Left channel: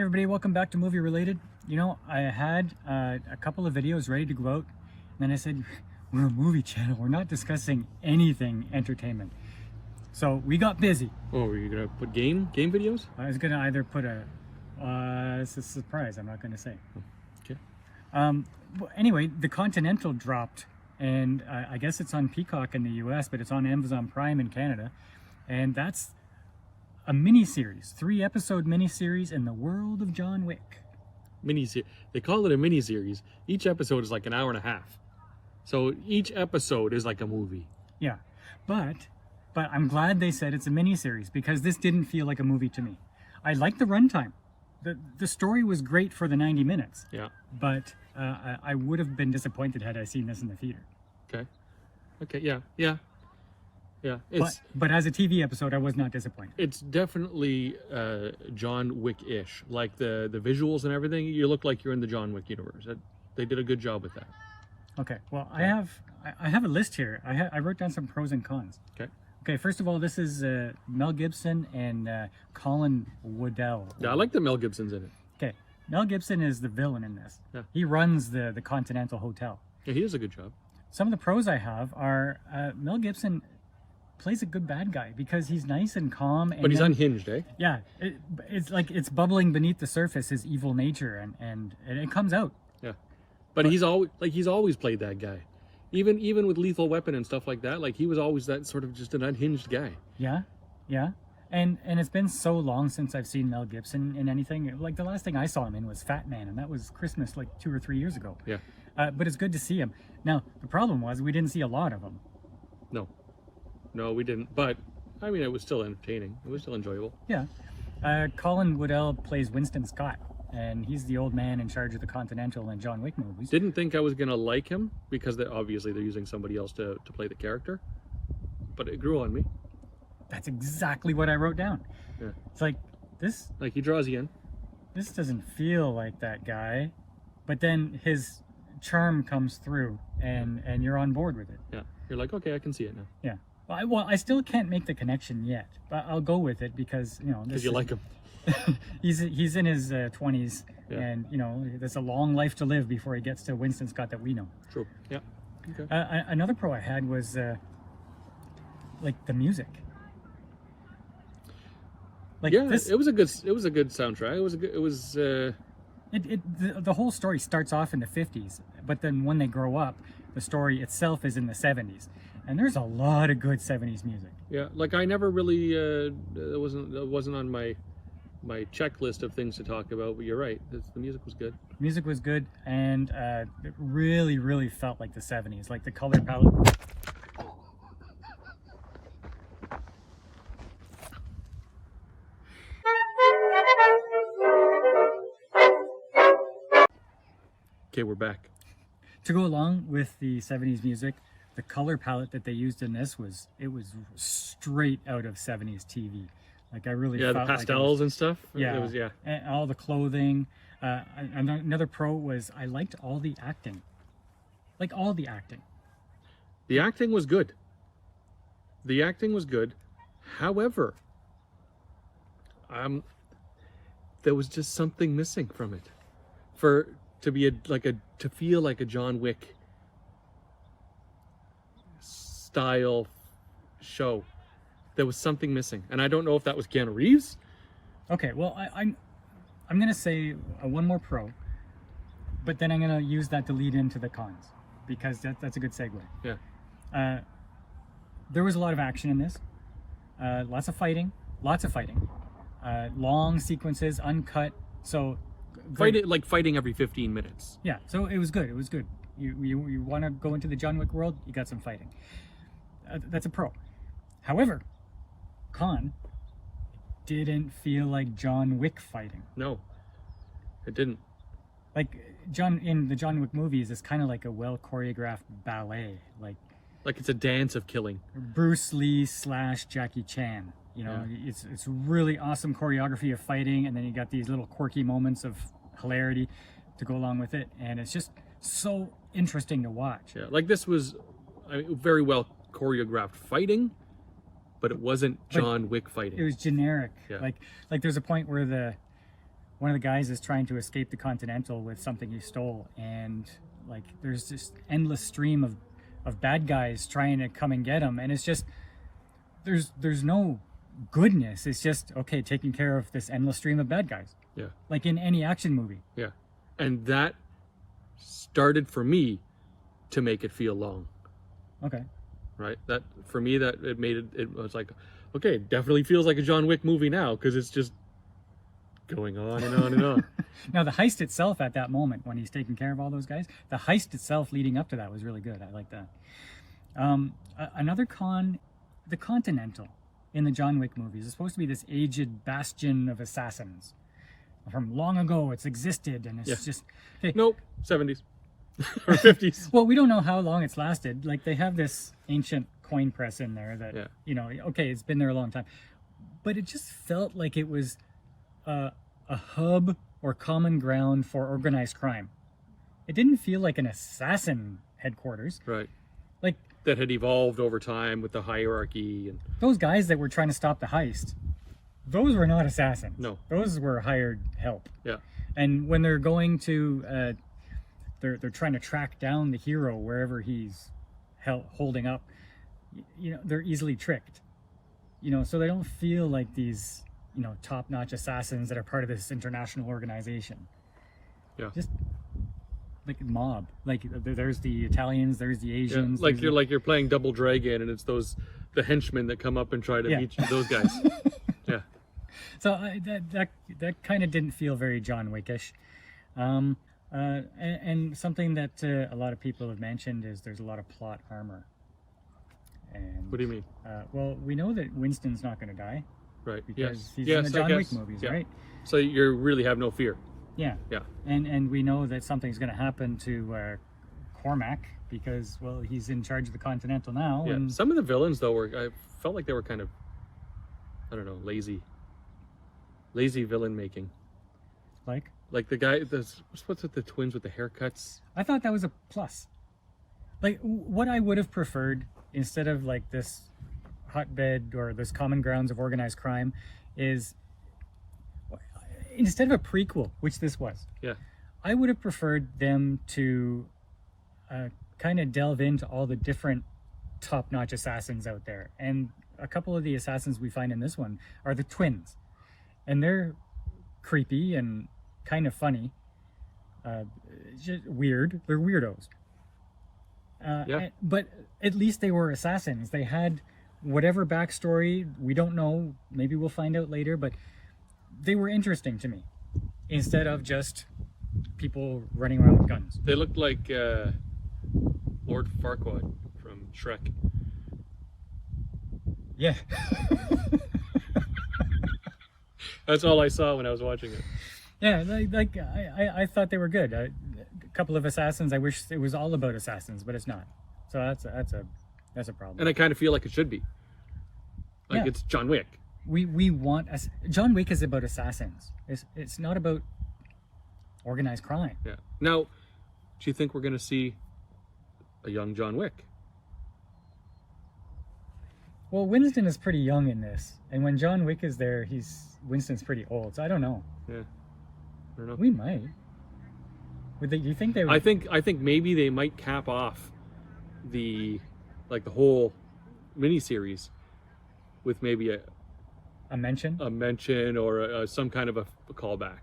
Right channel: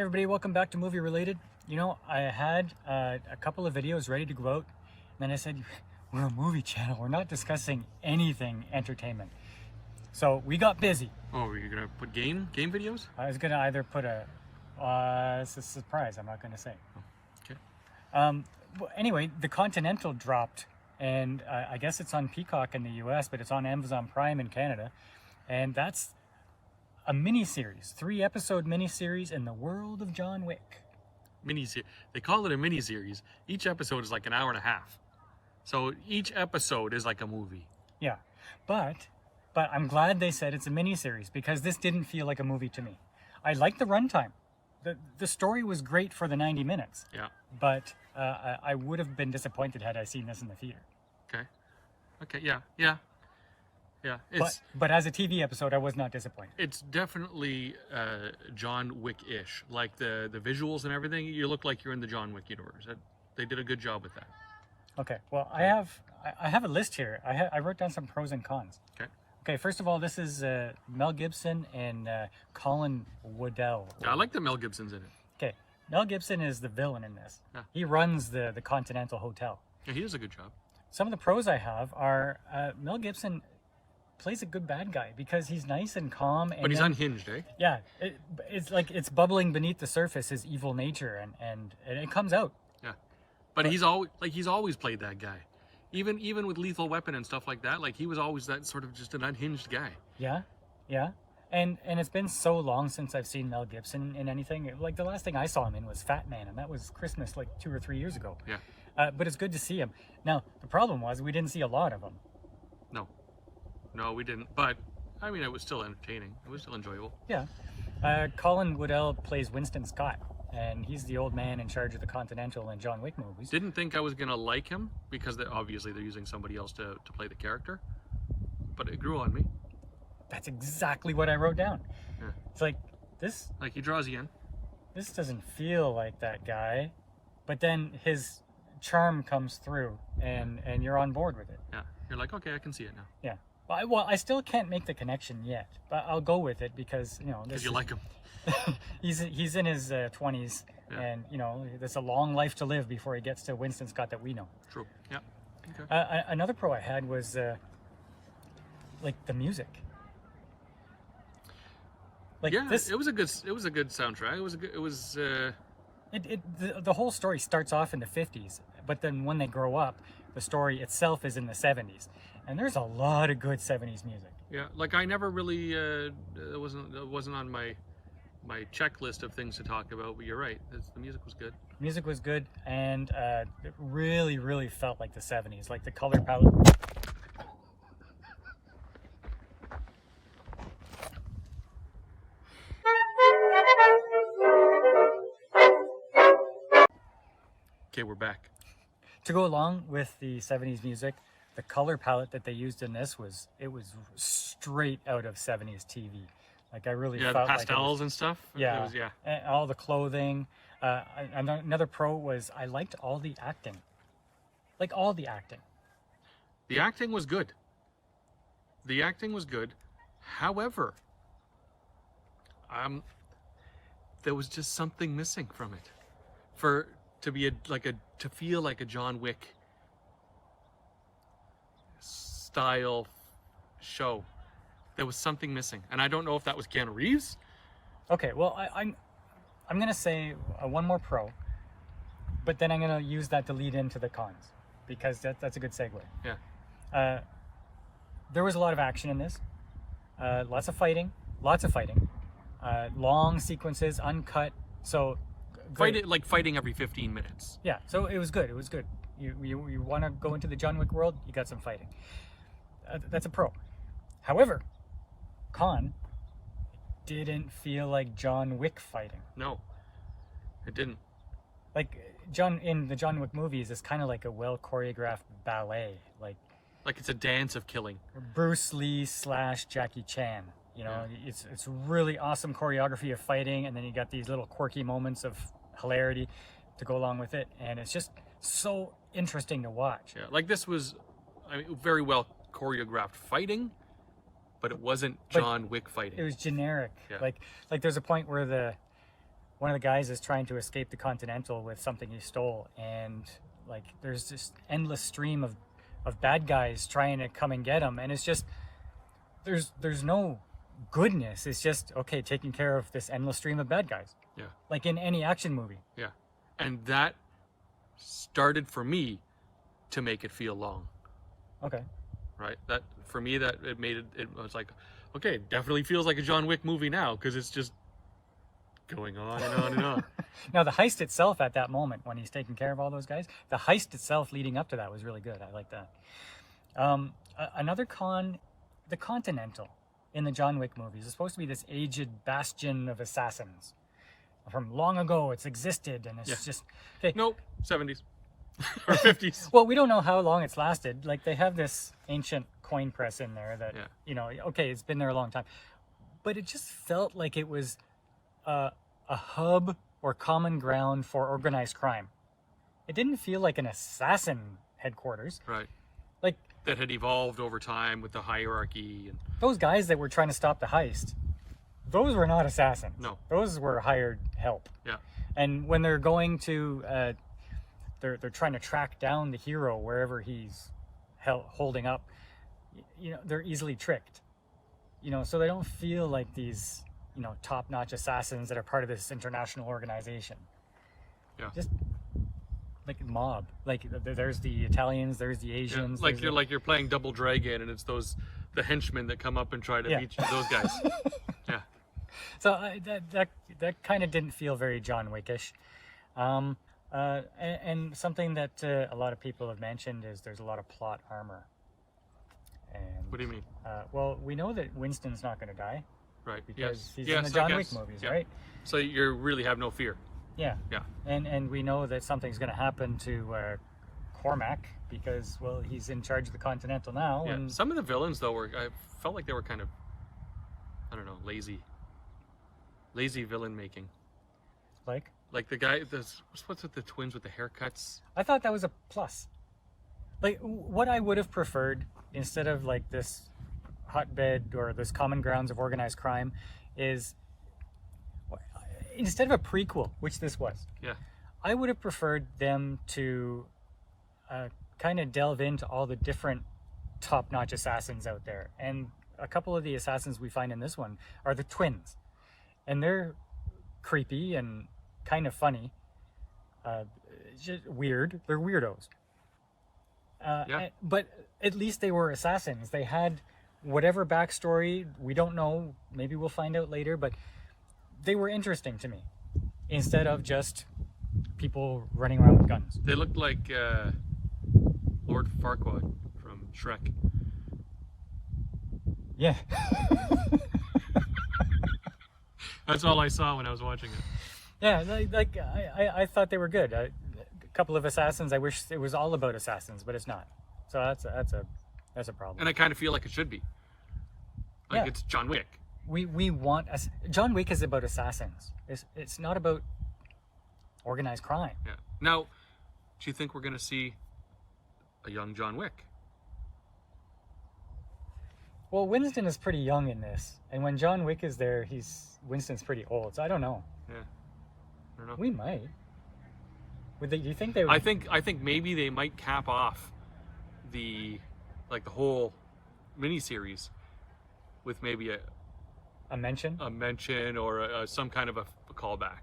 Hey everybody, welcome back to Movie Related. You know, I had a couple of videos ready to go out, and then I said, we're a movie channel, we're not discussing anything entertainment. So we got busy. Oh, were you gonna put game videos? I was gonna either put it's a surprise, I'm not gonna say. Oh, okay. Anyway, the Continental dropped, and I guess it's on Peacock in the US, but it's on Amazon Prime in Canada, and that's a mini-series, 3-episode mini-series in the world of John Wick. They call it a mini-series. Each episode is like an hour and a half. So each episode is like a movie. Yeah, but I'm glad they said it's a mini-series because this didn't feel like a movie to me. I liked the runtime. The story was great for the 90 minutes. Yeah. But I would have been disappointed had I seen this in the theater. Okay, yeah. But as a TV episode, I was not disappointed. It's definitely John Wick-ish. Like the visuals and everything, you look like you're in the John Wick universe. They did a good job with that. Okay, well, I have a list here. I wrote down some pros and cons. Okay, first of all, this is Mel Gibson and Colin Woodell. Yeah, I like the Mel Gibson's in it. Okay, Mel Gibson is the villain in this. Yeah. He runs the Continental Hotel. Yeah, he does a good job. Some of the pros I have are Mel Gibson plays a good bad guy because he's nice and calm. And but he's unhinged, eh? Yeah, it's like it's bubbling beneath the surface, his evil nature, and it comes out. Yeah, but he's always played that guy. Even with Lethal Weapon and stuff like that, like he was always that sort of just an unhinged guy. Yeah. And it's been so long since I've seen Mel Gibson in anything. Like the last thing I saw him in was Fat Man, and that was Christmas like 2 or 3 years ago. Yeah. But it's good to see him. Now, the problem was we didn't see a lot of him. No, we didn't. But, I mean, it was still entertaining. It was still enjoyable. Yeah. Colin Woodell plays Winston Scott, and he's the old man in charge of the Continental and John Wick movies. Didn't think I was going to like him because obviously they're using somebody else to play the character. But it grew on me. That's exactly what I wrote down. Yeah. It's like, this... Like, he draws you in. This doesn't feel like that guy. But then his charm comes through, and you're on board with it. Yeah. You're like, okay, I can see it now. Yeah. Well, I still can't make the connection yet, but I'll go with it because, you know... Because you like him. he's in his 20s, yeah. And, you know, there's a long life to live before he gets to Winston Scott that we know. True, yeah. Okay. Another pro I had was, like, the music. Like yeah, it was a good soundtrack. The whole story starts off in the 50s, but then when they grow up, the story itself is in the 70s. And there's a lot of good 70s music. Yeah, like I never really it wasn't on my checklist of things to talk about, but you're right. The music was good. Music was good, and it really felt like the 70s, like the color palette. Okay, we're back. To go along with the 70s music, the color palette that they used in this was straight out of 70s TV. Like I really felt the pastels and stuff. Yeah, it was, yeah. And all the clothing. Another pro was I liked all the acting. Like all the acting. The acting was good. However, there was just something missing from it. To feel like a John Wick style show, there was something missing, and I don't know if that was Keanu Reeves. Okay, well, I'm gonna say one more pro, but then I'm gonna use that to lead into the cons because that's a good segue. Yeah. There was a lot of action in this, lots of fighting, long sequences, uncut. So fighting every 15 minutes. Yeah, so it was good. You want to go into the John Wick world, you got some fighting. That's a pro. However, con, didn't feel like John Wick fighting. No, it didn't. Like in the John Wick movies, it's kind of like a well choreographed ballet, like it's a dance of killing. Bruce Lee / Jackie Chan. You know, yeah. It's really awesome choreography of fighting, and then you got these little quirky moments of hilarity to go along with it, and it's just so interesting to watch. Yeah, like this was, very well choreographed fighting, but it wasn't John Wick fighting. It was generic. Yeah. Like there's a point where one of the guys is trying to escape the Continental with something he stole, and like there's this endless stream of bad guys trying to come and get him, and it's just there's no goodness. It's just okay, taking care of this endless stream of bad guys. Yeah. Like in any action movie. Yeah. And that started for me to make it feel long. Okay. Right? That for me, that it made it was like, okay, it definitely feels like a John Wick movie now, because it's just going on and on and on. Now the heist itself at that moment when he's taking care of all those guys, the heist itself leading up to that was really good. I like that. Another con, the Continental in the John Wick movies is supposed to be this aged bastion of assassins from long ago. It's existed, and it's just okay. Nope, 70s or 50s. Well, we don't know how long it's lasted. Like they have this ancient coin press in there that you know, okay, it's been there a long time, but it just felt like it was a hub or common ground for organized crime. It didn't feel like an assassin headquarters. Right. Like that had evolved over time with the hierarchy and those guys that were trying to stop the heist. Those were not assassins. No. Those were hired help. Yeah. And when they're going to, they're trying to track down the hero wherever he's holding up. You know, they're easily tricked. You know, so they don't feel like these, you know, top-notch assassins that are part of this international organization. Yeah. Just like mob. Like there's the Italians, there's the Asians. Yeah. Like you're playing Double Dragon, and it's the henchmen that come up and try to beat you, those guys. Yeah. So that kind of didn't feel very John Wickish. And something that a lot of people have mentioned is there's a lot of plot armor. And what do you mean? Well, we know that Winston's not going to die. Right. Because he's yes, in the John Wick movies, right? So you really have no fear. Yeah. Yeah. And we know that something's going to happen to Cormac because, well, he's in charge of the Continental now. Yeah. And some of the villains, though, I felt like they were kind of, I don't know, lazy villain making. Like the guy, what's with the twins with the haircuts? I thought that was a plus. Like what I would have preferred instead of like this hotbed or this common grounds of organized crime is instead of a prequel, which this was. Yeah. I would have preferred them to kind of delve into all the different top-notch assassins out there. And a couple of the assassins we find in this one are the twins. And they're creepy and kind of funny. Just weird. They're weirdos. But at least they were assassins. They had whatever backstory, we don't know. Maybe we'll find out later, but they were interesting to me. Instead of just people running around with guns. They looked like Lord Farquaad from Shrek. Yeah. That's all I saw when I was watching it. Yeah, I thought they were good. A couple of assassins. I wish it was all about assassins, but it's not. So that's a problem. And I kind of feel like it should be. Like it's John Wick. We want John Wick is about assassins. It's not about organized crime. Yeah. Now, do you think we're going to see a young John Wick? Well, Winston is pretty young in this, and when John Wick is there, Winston's pretty old. So I don't know. Yeah. I don't know. We might. Do you think they would? I think maybe they might cap off the whole miniseries with maybe a mention or some kind of a callback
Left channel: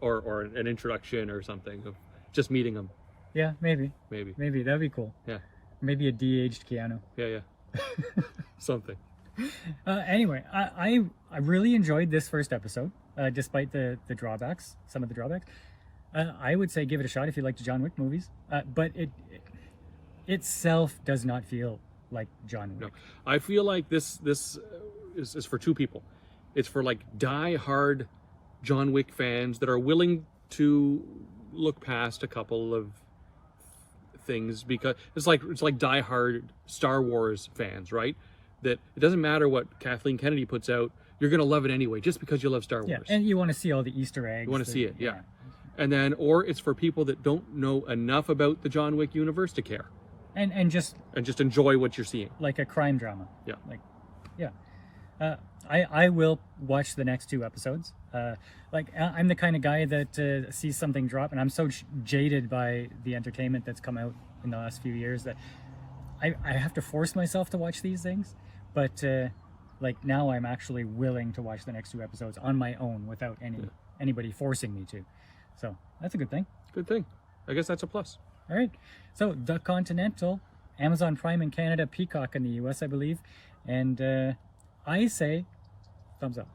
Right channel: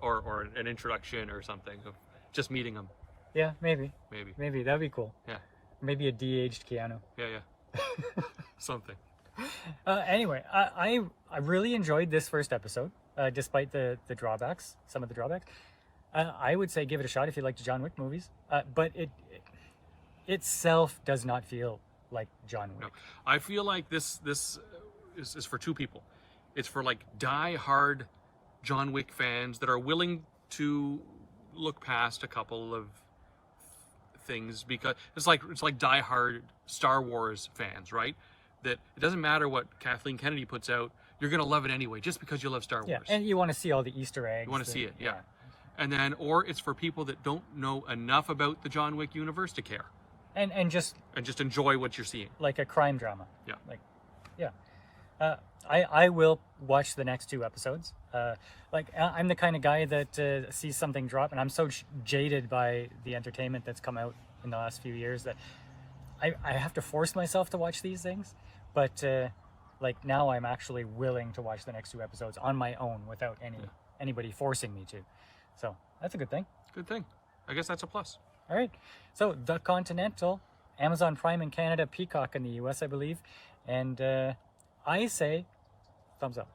or an introduction or something of just meeting him. Yeah, maybe that'd be cool. Yeah, maybe a de-aged Keanu. Yeah. Something. Anyway, I really enjoyed this first episode, despite the drawbacks, some of the drawbacks. I would say give it a shot if you like the John Wick movies, but it itself does not feel like John Wick. No, I feel like this is for two people. It's for like die-hard John Wick fans that are willing to look past a couple of things, because it's like die-hard Star Wars fans, right? That it doesn't matter what Kathleen Kennedy puts out, you're gonna love it anyway, just because you love Star Wars. And you want to see all the Easter eggs. You want to see it, yeah. And then, or it's for people that don't know enough about the John Wick universe to care. And just enjoy what you're seeing. Like a crime drama. Yeah. I will watch the next 2 episodes. I'm the kind of guy that sees something drop, and I'm so jaded by the entertainment that's come out in the last few years that I have to force myself to watch these things. But now I'm actually willing to watch the next 2 episodes on my own without anybody forcing me to. So that's a good thing. Good thing. I guess that's a plus. All right. So The Continental, Amazon Prime in Canada, Peacock in the US, I believe. And I say thumbs up.